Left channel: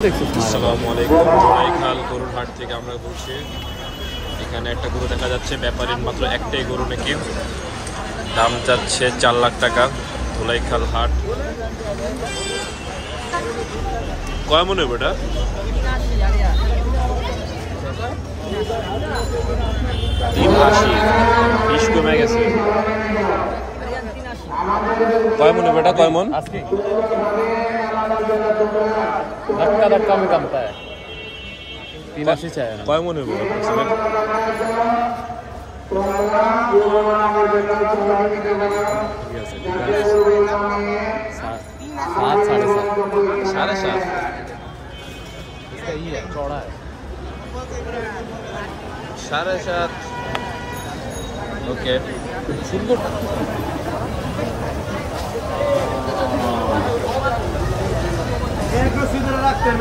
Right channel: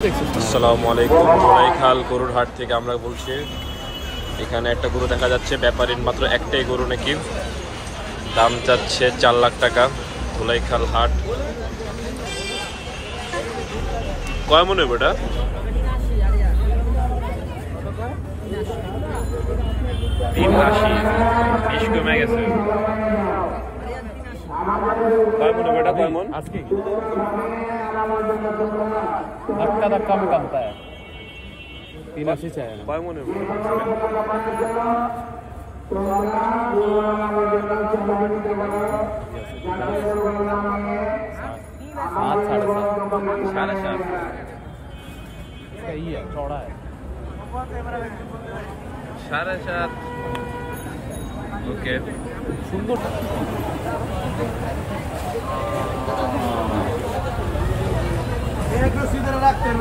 আসসালামু আলাইকুম। জোড়াইখাল গরুর হাট থেকে আমরা বলছি। এখানে একটা গরু দেখা যাচ্ছে, ব্যাপারীর মাত্র একটাই গরু নাকি, দাম যাচ্ছে 4 লাখ টাকা। জোড়াইখাল হাট কয় মনে হবে এটা? কমে গেছে। কয় মনে হবে এটা? কয় মন? कम कमता है 83 चाहिए ना। কয় মনে হবে? साढ़े सात। सही है, चौड़ा है। 7.5। ओके, सीधे रख कर